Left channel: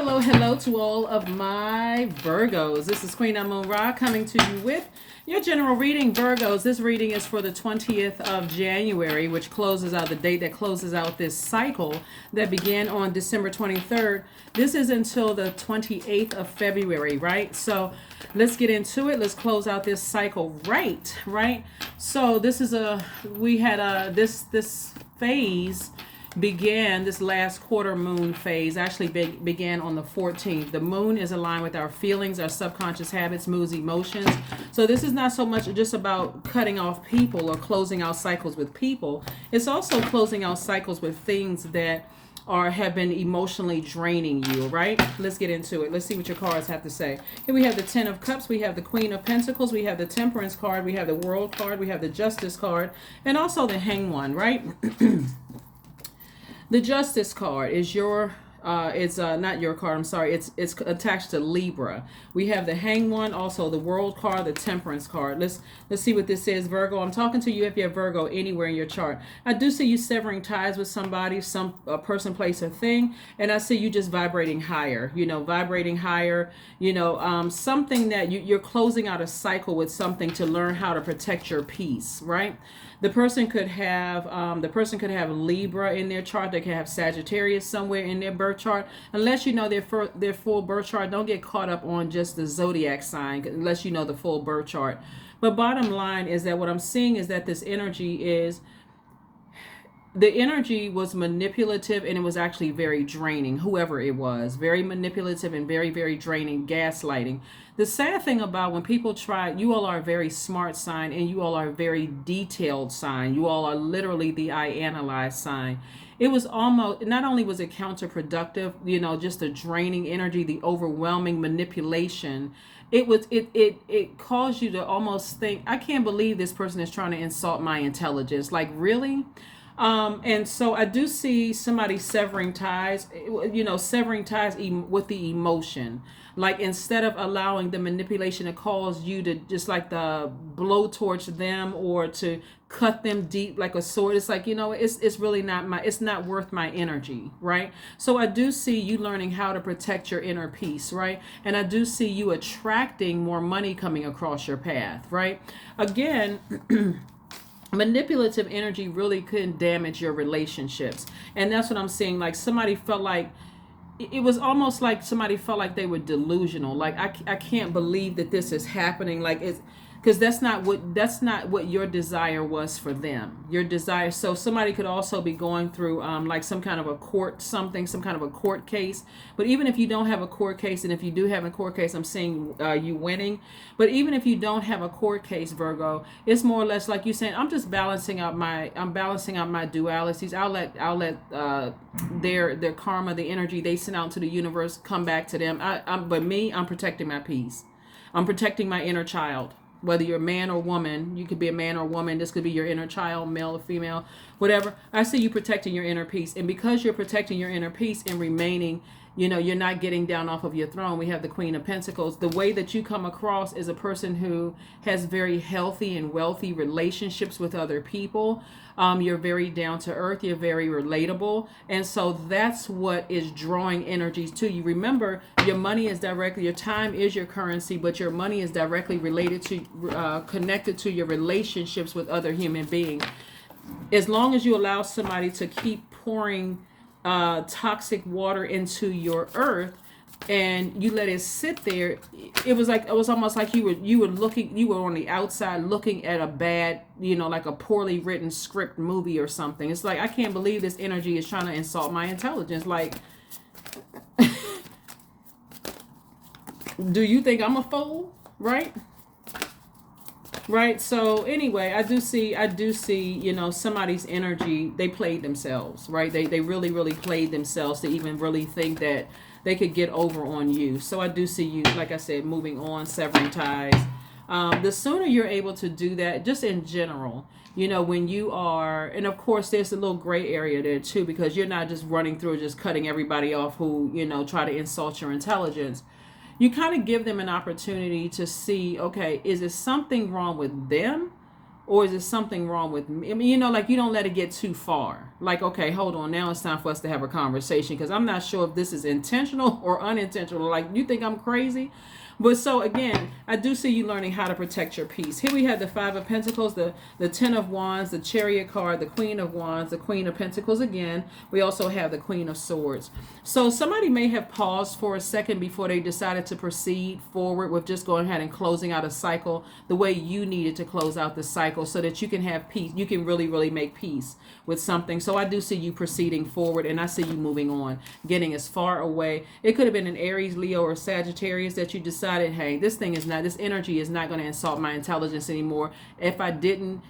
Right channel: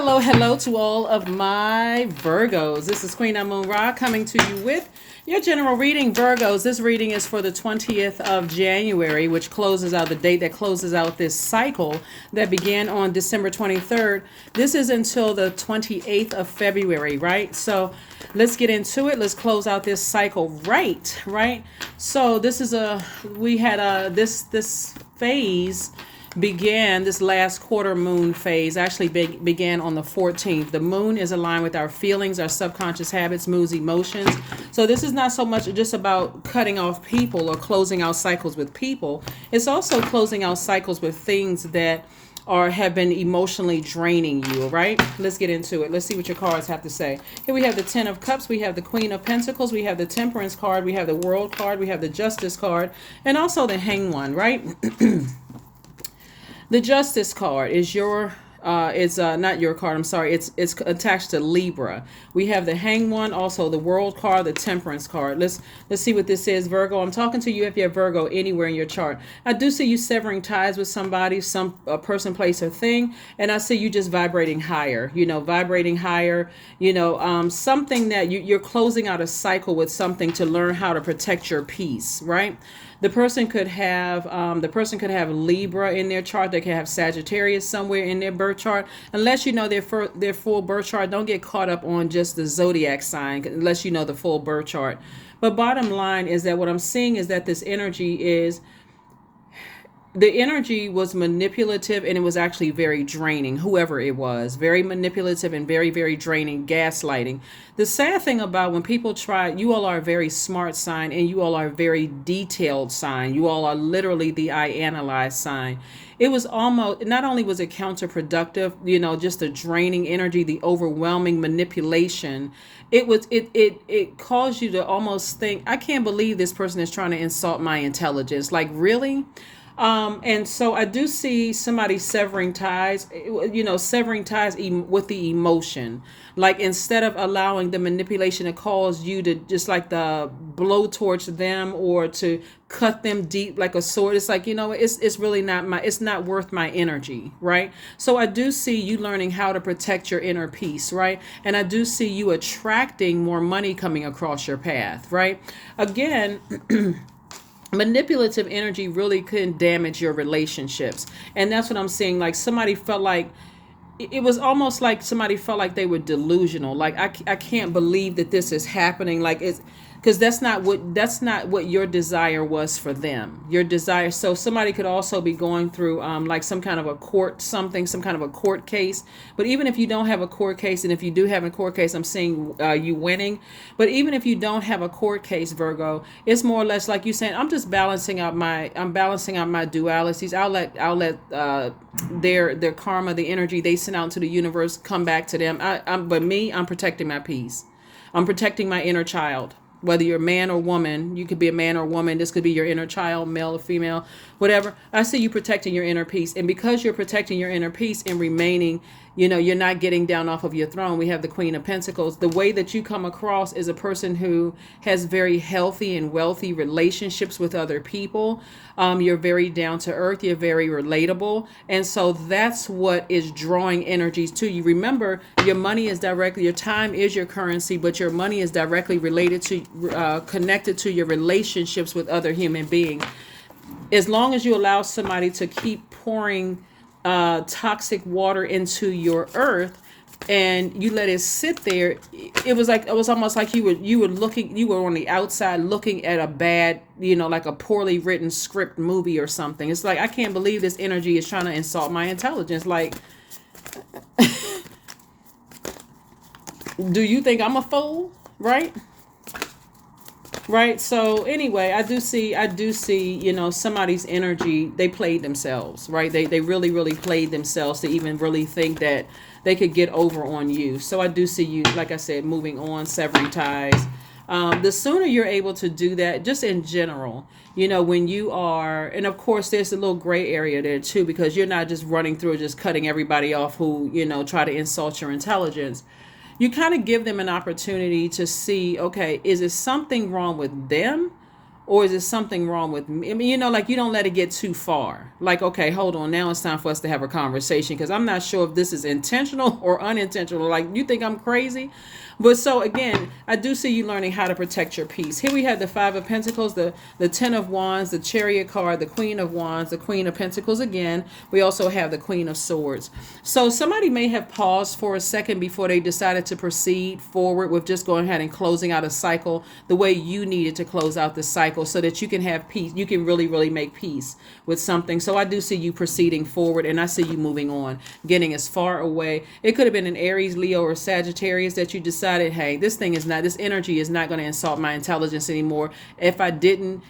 Hello, hello to all of my Virgos. This is Queen Amun Ra coming to you with your general reading, Virgos. This reading is for the 20th of January, which closes out the date that closes out this cycle that began on December 23rd. This is until the 28th of February, right? So let's get into it. Let's close out this cycle right? So this is this phase began, this last quarter moon phase actually began on the 14th. The moon is aligned with our feelings, our subconscious habits, moods, emotions. So this is not so much just about cutting off people or closing out cycles with people. It's also closing out cycles with things that have been emotionally draining you, right? Let's get into it. Let's see what your cards have to say. Here we have the Ten of Cups, we have the Queen of Pentacles, we have the Temperance card, we have the World card, we have the Justice card, and also the Hanged One, right? The Justice card is not your card. I'm sorry. It's attached to Libra. We have the Hanged One, also the World card, the Temperance card. Let's see what this is, Virgo. I'm talking to you if you have Virgo anywhere in your chart. I do see you severing ties with somebody, a person, place, or thing, and I see you just vibrating higher. Something that you're closing out a cycle with something to learn how to protect your peace, right? The person could have Libra in their chart. They could have Sagittarius somewhere in their birth chart. Unless you know their full birth chart, don't get caught up on just the zodiac sign unless you know the full birth chart. But bottom line is that what I'm seeing is that the energy was manipulative, and it was actually very draining. Whoever it was, very manipulative and very, very draining, gaslighting. The sad thing about when people you all are a very smart sign, and you all are a very detailed sign. You all are literally the I analyze sign. It was almost, not only was it counterproductive, just the draining energy, the overwhelming manipulation. It caused you to almost think, I can't believe this person is trying to insult my intelligence. Like, really? And so I do see somebody severing ties, with the emotion. Like, instead of allowing the manipulation to cause you to just like the blow towards them or to cut them deep like a sword, it's like, it's really it's not worth my energy, right? So I do see you learning how to protect your inner peace, right? And I do see you attracting more money coming across your path, right? Again, manipulative energy really can damage your relationships, and that's what I'm seeing. Like, somebody felt like it was almost like somebody felt like they were delusional. Like, I can't believe that this is happening. Like, it's because that's not what your desire was for them. Your desire. So somebody could also be going through like some kind of a some kind of a court case. But even if you don't have a court case, and if you do have a court case, I'm seeing you winning. But even if you don't have a court case, Virgo, it's more or less like you saying, I'm balancing out my dualities. I'll let their karma, the energy they send out to the universe, come back to them. I'm protecting my peace. I'm protecting my inner child. Whether you're a man or woman, you could be a man or woman. This could be your inner child, male or female, whatever. I see you protecting your inner peace. And because you're protecting your inner peace and remaining, you're not getting down off of your throne. We have the Queen of Pentacles. The way that you come across is a person who has very healthy and wealthy relationships with other people. You're very down to earth. You're very relatable. And so that's what is drawing energies to you. Remember, your time is your currency, but your money is directly related to, connected to your relationships with other human beings. As long as you allow somebody to keep pouring toxic water into your earth, and you let it sit there, it was almost like you were on the outside looking at a bad, like a poorly written script movie or something. It's like, I can't believe this energy is trying to insult my intelligence. Like, do you think I'm a fool? Right? So anyway, I do see, somebody's energy, they played themselves, right? They really, really played themselves to even really think that they could get over on you. So I do see you, like I said, moving on, severing ties. The sooner you're able to do that, just in general, when you are, and of course there's a little gray area there too, because you're not just running through, just cutting everybody off who, try to insult your intelligence. You kind of give them an opportunity to see, okay, is it something wrong with them, or is it something wrong with me? I mean, like you don't let it get too far. Like, okay, hold on, now it's time for us to have a conversation because I'm not sure if this is intentional or unintentional. Like, you think I'm crazy? But so again, I do see you learning how to protect your peace. Here we have the Five of Pentacles, the Ten of Wands, the Chariot card, the Queen of Wands, the Queen of Pentacles again. We also have the Queen of Swords. So somebody may have paused for a second before they decided to proceed forward with just going ahead and closing out a cycle the way you needed to close out the cycle so that you can have peace. You can really, really make peace with something. So I do see you proceeding forward, and I see you moving on, getting as far away. It could have been an Aries, Leo, or Sagittarius that you decided, hey, this energy is not going to insult my intelligence anymore. If I didn't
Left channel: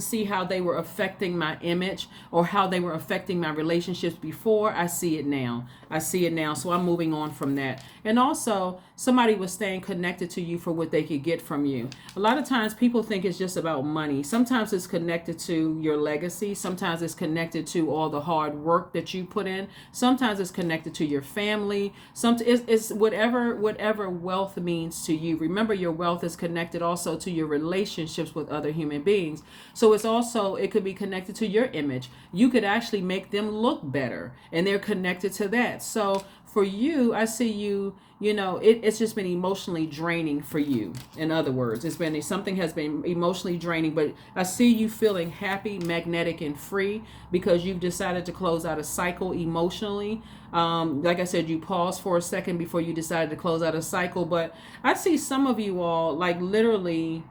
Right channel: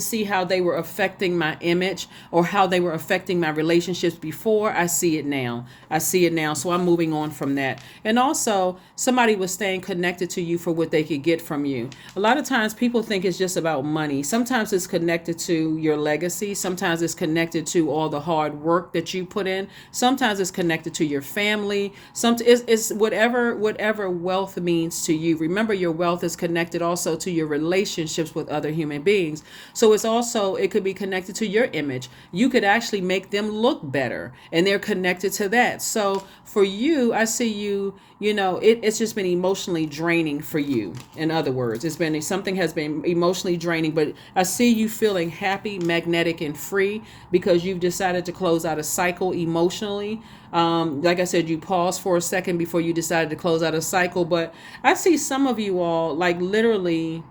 see how they were affecting my image or how they were affecting my relationships before, I see it now. So I'm moving on from that. And also, somebody was staying connected to you for what they could get from you. A lot of times people think it's just about money. Sometimes it's connected to your legacy. Sometimes it's connected to all the hard work that you put in. Sometimes it's connected to your family. It's whatever wealth means to you. Remember, your wealth is connected also to your relationships with other human beings. So it could be connected to your image. You could actually make them look better, and they're connected to that. So for you, I see you, it's just been emotionally draining for you. In other words, something has been emotionally draining, but I see you feeling happy, magnetic, and free because you've decided to close out a cycle emotionally. Like I said, you paused for a second before you decided to close out a cycle, but I see some of you all like literally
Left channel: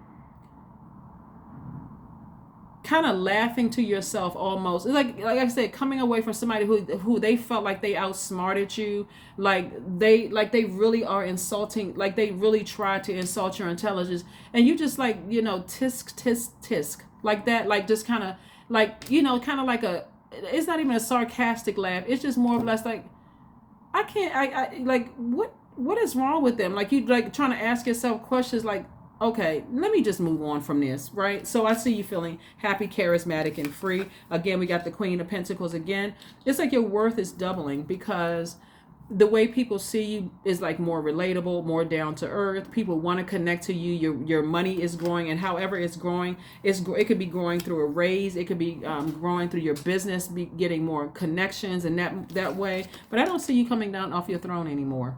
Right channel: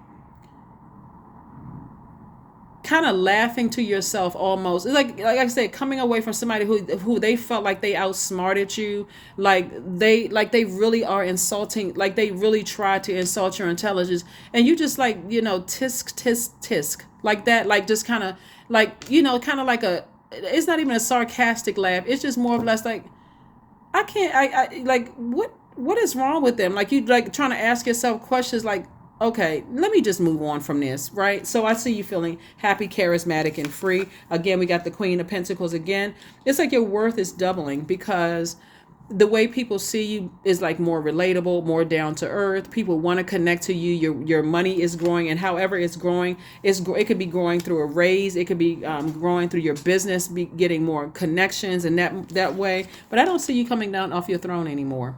kind of laughing to yourself almost. It's like I said, coming away from somebody who they felt like they outsmarted you, like they really are insulting, like they really tried to insult your intelligence, and you just like, tisk tisk tisk like that, like just kind of like, kind of like it's not even a sarcastic laugh, it's just more or less like, I like, what is wrong with them? Like, you like trying to ask yourself questions like, okay, let me just move on from this, right? So I see you feeling happy, charismatic, and free. Again, we got the Queen of Pentacles again. It's like your worth is doubling because the way people see you is like more relatable, more down to earth. People want to connect to you. Your money is growing, and however it's growing, it could be growing through a raise. It could be growing through your business, be getting more connections, and that way. But I don't see you coming down off your throne anymore.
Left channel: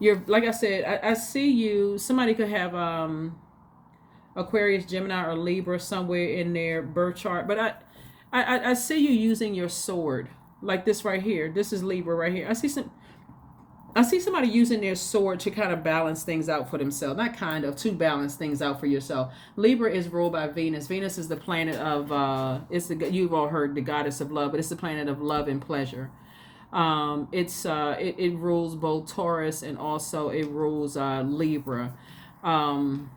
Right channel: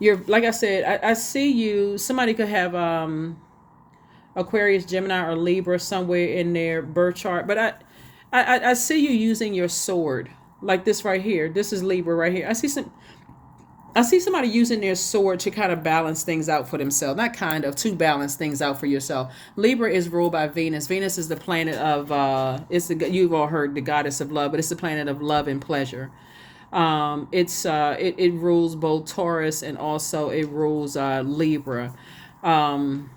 You're, like I said, I see you. Somebody could have Aquarius, Gemini, or Libra somewhere in their birth chart, but I see you using your sword like this right here. This is Libra right here. I see somebody using their sword to kind of balance things out for themselves. Not kind of, to balance things out for yourself. Libra is ruled by Venus. Venus is the planet of you've all heard the goddess of love, but it's the planet of love and pleasure. It rules both Taurus and also it rules Libra. When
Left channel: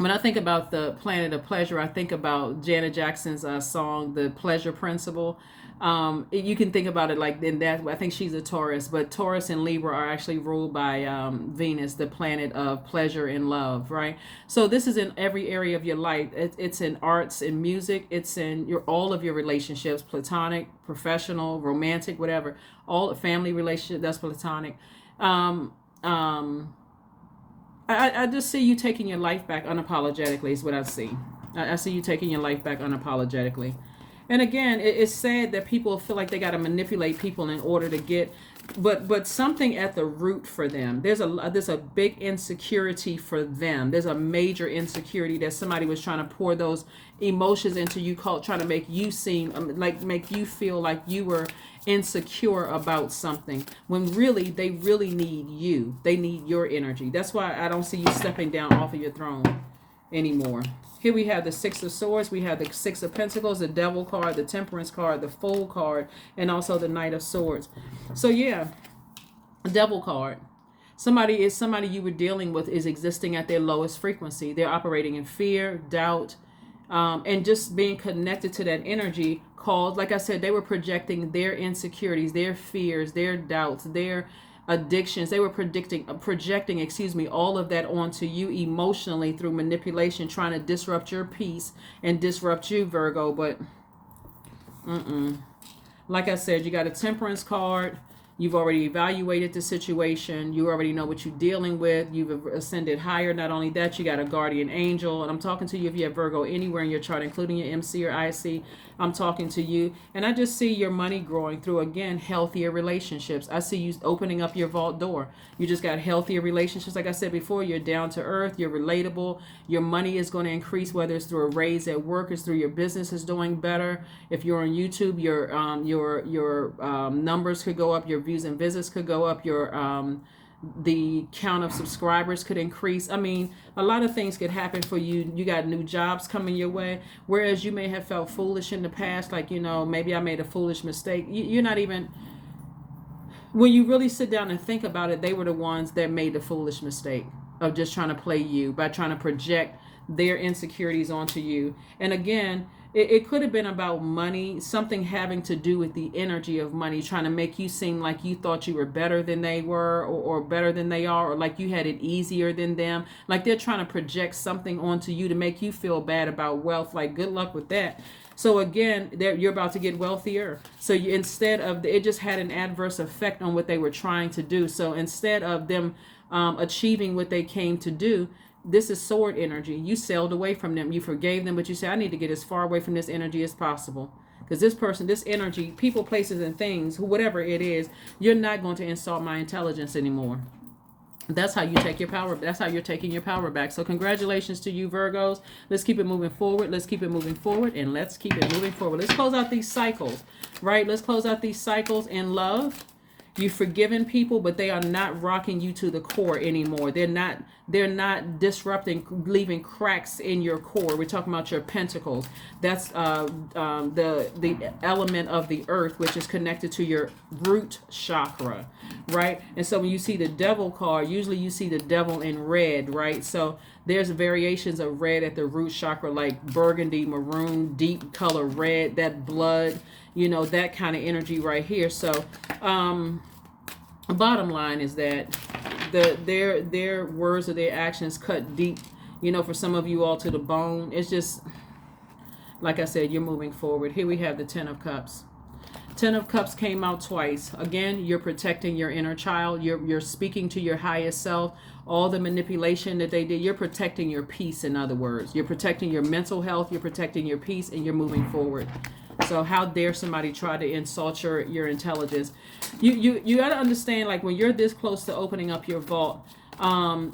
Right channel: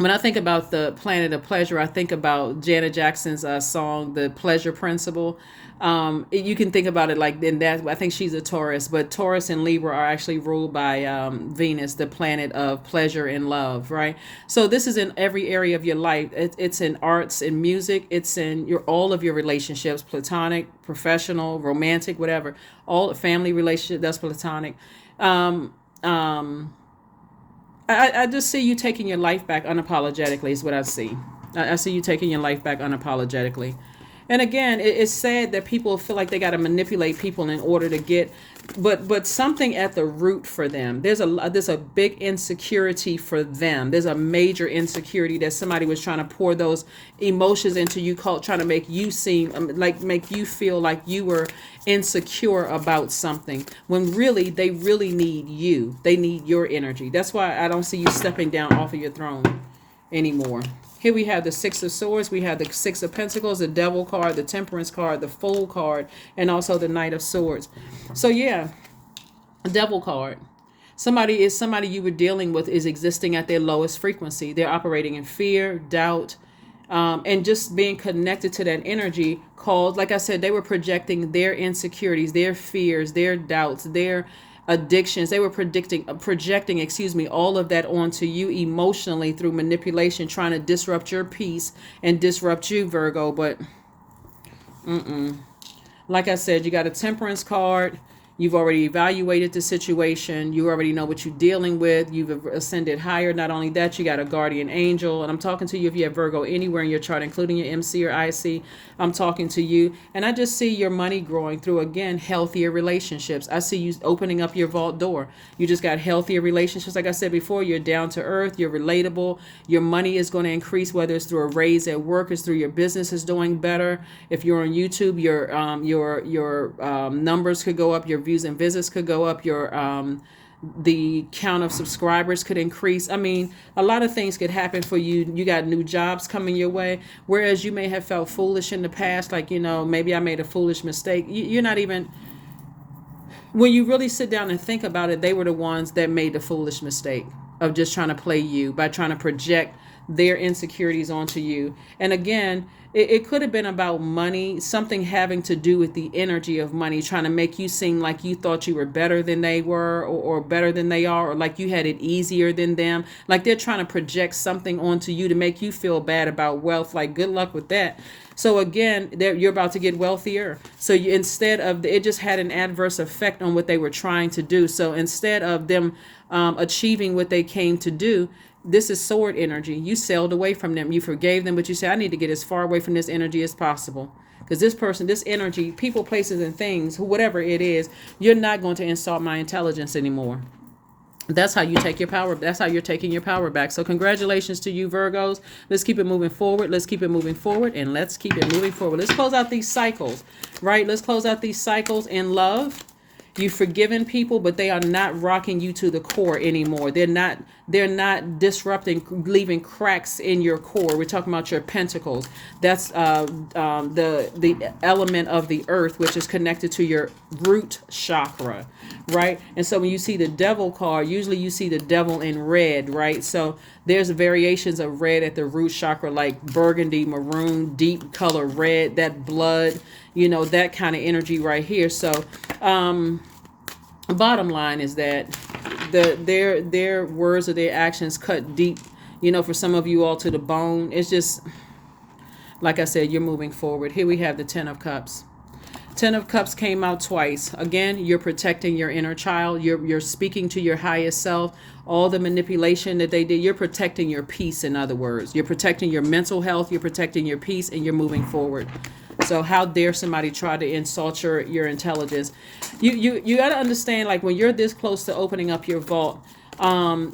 I think about the planet of pleasure, I think about Janet Jackson's song, The Pleasure Principle. You can think about it like in that. I think she's a Taurus, but Taurus and Libra are actually ruled by Venus, the planet of pleasure and love, right? So this is in every area of your life. It's in arts and music. It's in all of your relationships, platonic, professional, romantic, whatever. All family relationship, that's platonic. I just see you taking your life back unapologetically is what I see. I see you taking your life back unapologetically. And again, it's sad that people feel like they got to manipulate people in order to get, but something at the root for them. There's a big insecurity for them. There's a major insecurity that somebody was trying to pour those emotions into you, trying to make you make you feel like you were insecure about something, when really they really need you. They need your energy. That's why I don't see you stepping down off of your throne anymore. Here we have the Six of Swords, we have the Six of Pentacles, the Devil card, the Temperance card, the Fool card, and also the Knight of Swords. So yeah, a Devil card. Somebody you were dealing with is existing at their lowest frequency. They're operating in fear, doubt, and just being connected to that energy called, like I said, they were projecting their insecurities, their fears, their doubts, their addictions. They were projecting, all of that onto you emotionally through manipulation, trying to disrupt your peace and disrupt you, Virgo. But like I said, you got a Temperance card, You've already evaluated the situation. You already know what you're dealing with. You've ascended higher. Not only that, you got a guardian angel. And I'm talking to you if you have Virgo anywhere in your chart, including your MC or IC. I'm talking to you. And I just see your money growing through, again, healthier relationships. I see you opening up your vault door. You just got healthier relationships. Like I said before, you're down to earth. You're relatable. Your money is going to increase, whether it's through a raise at work, it's through your business is doing better. If you're on YouTube, your numbers could go up. Your views and visits could go up. Your the count of subscribers could increase. I mean, a lot of things could happen for you. You got new jobs coming your way, whereas you may have felt foolish in the past, like, maybe I made a foolish mistake. You're not even, when you really sit down and think about it, they were the ones that made the foolish mistake of just trying to play you by trying to project their insecurities onto you. And again, it could have been about money, something having to do with the energy of money, trying to make you seem like you thought you were better than they were, or better than they are, or like you had it easier than them. Like they're trying to project something onto you to make you feel bad about wealth. Like, good luck with that. So again, you're about to get wealthier. So instead of, it just had an adverse effect on what they were trying to do. So instead of them achieving what they came to do, this is sword energy. You sailed away from them. You forgave them, but you said, I need to get as far away from this energy as possible. Because this person, this energy, people, places, and things, whatever it is, you're not going to insult my intelligence anymore. That's how you take your power. That's how you're taking your power back. So congratulations to you, Virgos. Let's keep it moving forward. Let's keep it moving forward. And let's keep it moving forward. Let's close out these cycles, right? Let's close out these cycles in love. You've forgiven people, but they are not rocking you to the core anymore. They're not disrupting, leaving cracks in your core. We're talking about your pentacles. That's the element of the earth, which is connected to your root chakra, right? And so when you see the devil card, usually you see the devil in red, right? So there's variations of red at the root chakra, like burgundy, maroon, deep color red, that blood, that kind of energy right here. So bottom line is that their words or their actions cut deep, for some of you all to the bone. It's just, like I said, you're moving forward. Here we have the 10 of Cups. 10 of Cups came out twice. Again, you're protecting your inner child. You're speaking to your highest self. All the manipulation that they did, you're protecting your peace, in other words. You're protecting your mental health, you're protecting your peace, and you're moving forward. So how dare somebody try to insult your intelligence? You got to understand, like, when you're this close to opening up your vault,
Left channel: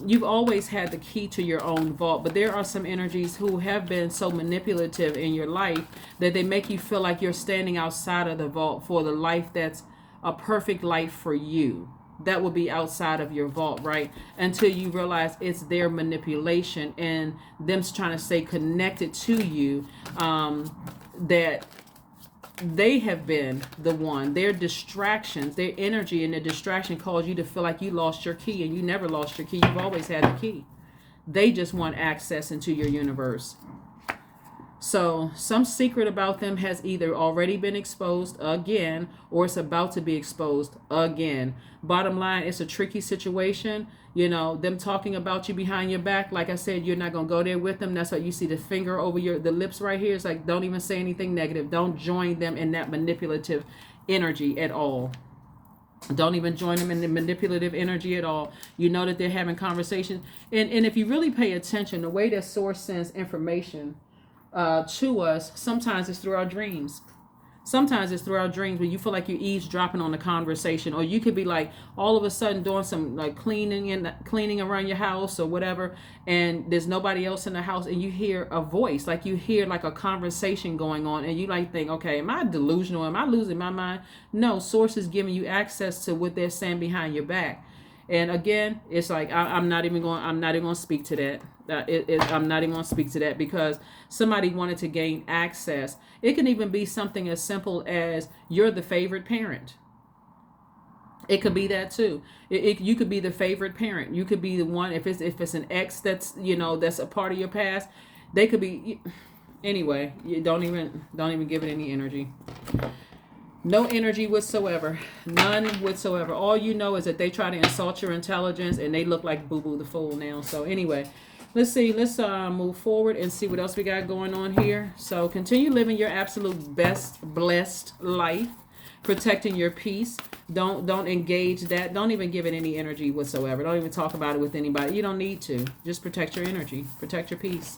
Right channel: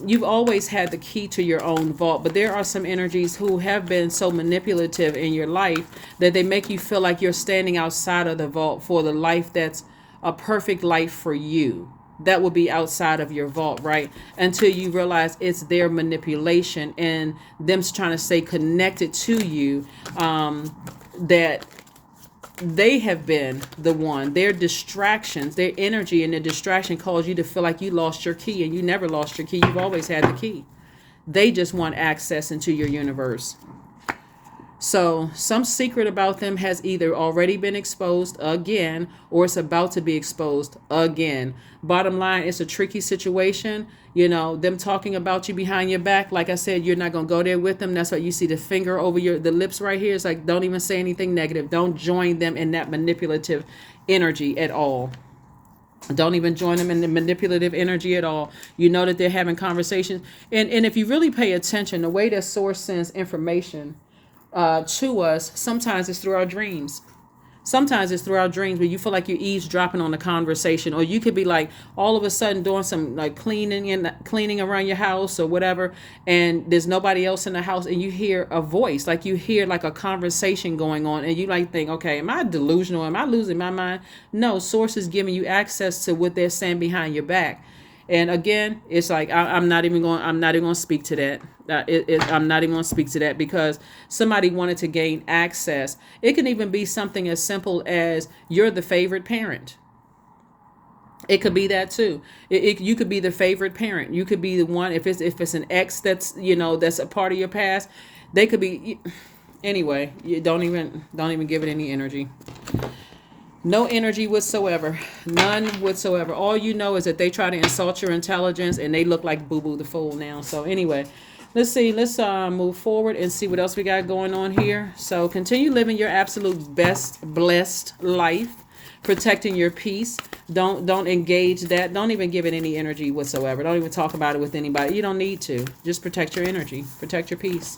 you've always had the key to your own vault, but there are some energies who have been so manipulative in your life that they make you feel like you're standing outside of the vault for the life that's a perfect life for you. That will be outside of your vault, right? Until you realize it's their manipulation and them trying to stay connected to you, that they have been the one. Their distractions, their energy and their distraction cause you to feel like you lost your key, and you never lost your key. You've always had the key. They just want access into your universe. So some secret about them has either already been exposed again, or it's about to be exposed again. Bottom line, it's a tricky situation. Them talking about you behind your back. Like I said, you're not going to go there with them. That's why you see the finger over the lips right here. It's like, don't even say anything negative. Don't join them in that manipulative energy at all. Don't even join them in the manipulative energy at all. You know that they're having conversations. And if you really pay attention, the way that source sends information to us, sometimes it's through our dreams. Sometimes it's through our dreams where you feel like you're eavesdropping on the conversation, or you could be like all of a sudden doing some like cleaning around your house or whatever, and there's nobody else in the house, and you hear a voice, like you hear like a conversation going on, and you like think, okay, am I delusional? Am I losing my mind? No, source is giving you access to what they're saying behind your back. And again, it's like I'm not even going to speak to that. I'm not even going to speak to that because somebody wanted to gain access. It can even be something as simple as you're the favorite parent. It could be that too. You could be the favorite parent. You could be the one, if it's an ex that's that's a part of your past. They could be. Anyway, you don't even give it any energy. No energy whatsoever. None whatsoever. All you know is that they try to insult your intelligence, and they look like Boo Boo the Fool now. So anyway, let's see. Let's move forward and see what else we got going on here. So continue living your absolute best blessed life, protecting your peace. Don't engage that. Don't even give it any energy whatsoever. Don't even talk about it with anybody. You don't need to. Just protect your energy. Protect your peace.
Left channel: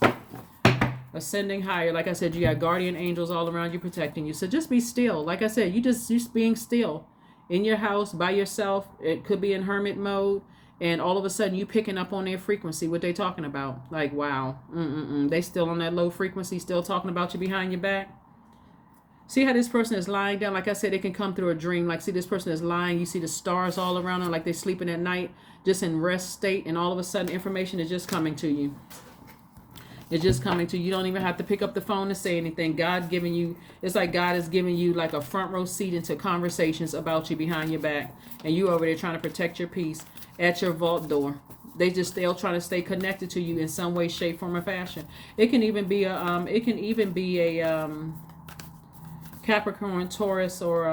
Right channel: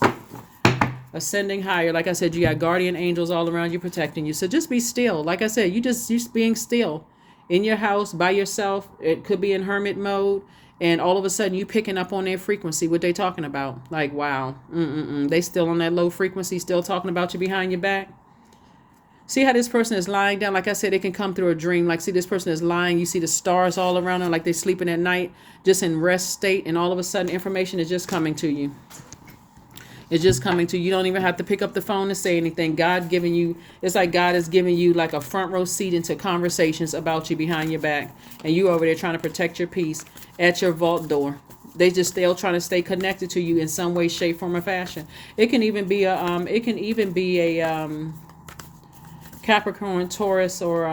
Ascending higher. Like I said, you got guardian angels all around you protecting you. So just be still. Like I said, you just being still in your house by yourself. It could be in hermit mode. And all of a sudden you picking up on their frequency, what they talking about. Like, wow. They still on that low frequency, still talking about you behind your back. See how this person is lying down? Like I said, it can come through a dream. Like, see, this person is lying. You see the stars all around them, like they're sleeping at night, just in rest state. And all of a sudden, information is just coming to you. It's just coming to you. You don't even have to pick up the phone to say anything. God giving you, it's like God is giving you like a front row seat into conversations about you behind your back. And you over there trying to protect your peace at your vault door. They'll trying to stay connected to you in some way, shape, form, or fashion. It can even be a, Capricorn, Taurus, or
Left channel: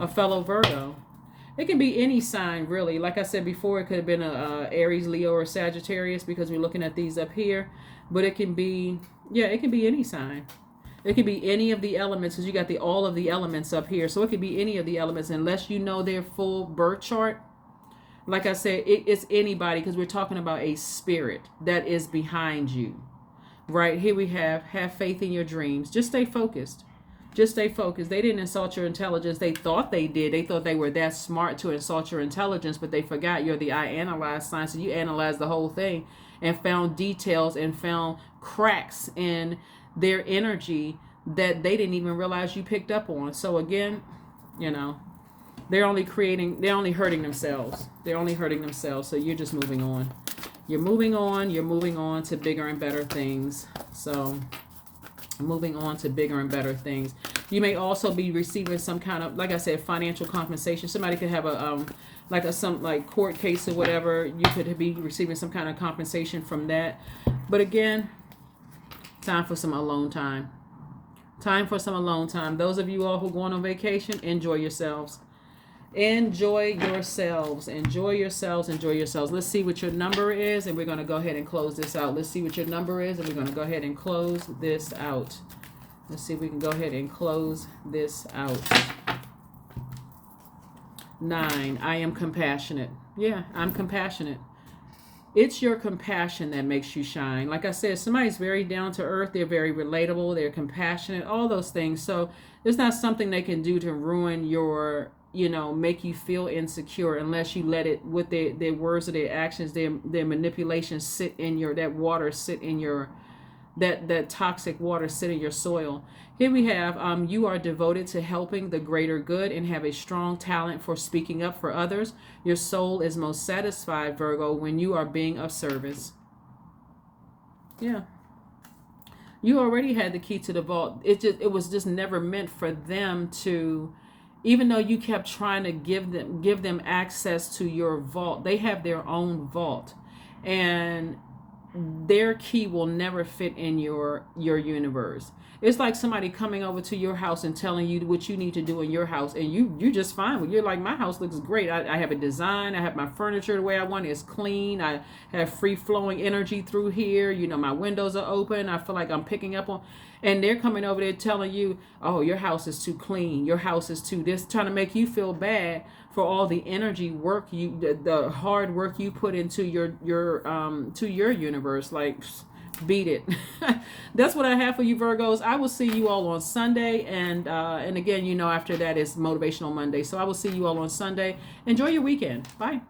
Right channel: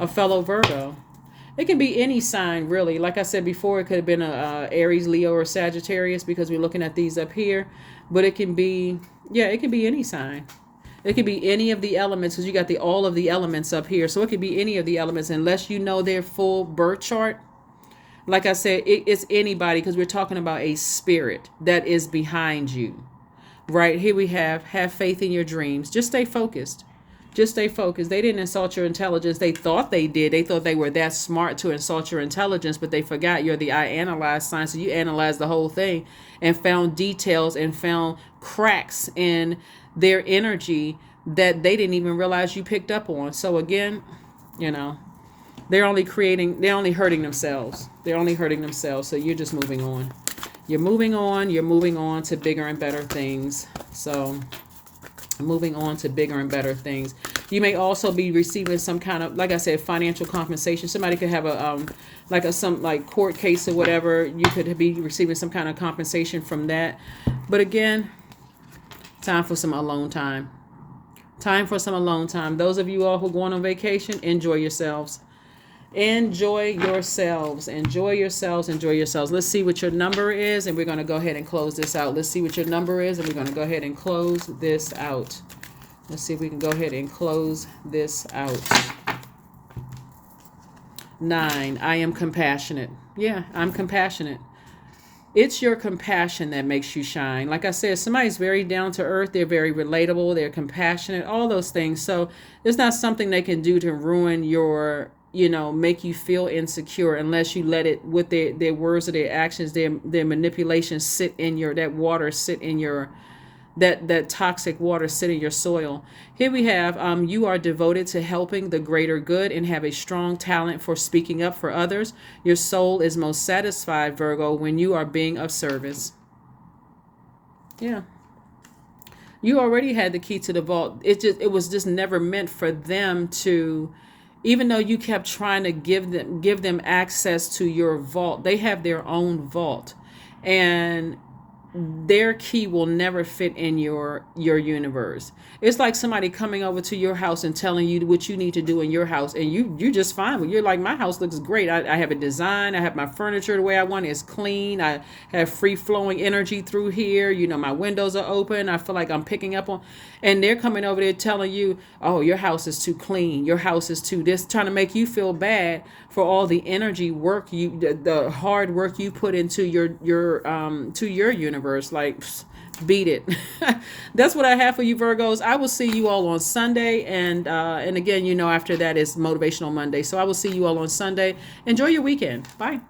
a fellow Virgo. It can be any sign, really. Like I said before, it could have been a Aries, Leo, or Sagittarius because we're looking at these up here. But it can be, it can be any sign. It could be any of the elements because you got all of the elements up here. So it could be any of the elements unless you know their full birth chart. Like I said, it's anybody because we're talking about a spirit that is behind you. Right here we have faith in your dreams. Just stay focused. Just stay focused. They didn't insult your intelligence. They thought they did. They thought they were that smart to insult your intelligence, but they forgot you're the I analyze sign. So you analyzed the whole thing and found details and found cracks in their energy that they didn't even realize you picked up on. So again, they're only hurting themselves. They're only hurting themselves. So you're just moving on. You're moving on to bigger and better things. So moving on to bigger and better things. You may also be receiving some kind of, like I said, financial compensation. Somebody could have a court case or whatever. You could be receiving some kind of compensation from that. But again, time for some alone time. Time for some alone time. Those of you all who are going on vacation, enjoy yourselves. Enjoy yourselves. Enjoy yourselves. Enjoy yourselves. Let's see what your number is, and we're going to go ahead and close this out. Let's see what your number is, and we're going to go ahead and close this out. Let's see if we can go ahead and close this out. 9. I am compassionate. Yeah, I'm compassionate. It's your compassion that makes you shine. Like I said, somebody's very down to earth. They're very relatable. They're compassionate. All those things. So it's not something they can do to ruin your, make you feel insecure unless you let it, with their words or their actions, their manipulation sit in that water sit in your, that toxic water sit in your soil. Here we have, you are devoted to helping the greater good and have a strong talent for speaking up for others. Your soul is most satisfied, Virgo, when you are being of service. Yeah. You already had the key to the vault. It was just never meant for them to, even though you kept trying to give them access to your vault. They have their own vault, and their key will never fit in your universe. It's like somebody coming over to your house and telling you what you need to do in your house, and you're just fine with. You're like, my house looks great. I have a design. I have my furniture the way I want it. It's clean. I have free flowing energy through here. My windows are open. I feel like I'm picking up on, and they're coming over there telling you, oh, your house is too clean. Your house is too this, trying to make you feel bad for all the energy work the hard work you put into your to your universe. Like, beat it. That's what I have for you, Virgos. I will see you all on Sunday, and again, after that is Motivational Monday. So I will see you all on Sunday. Enjoy your weekend. Bye.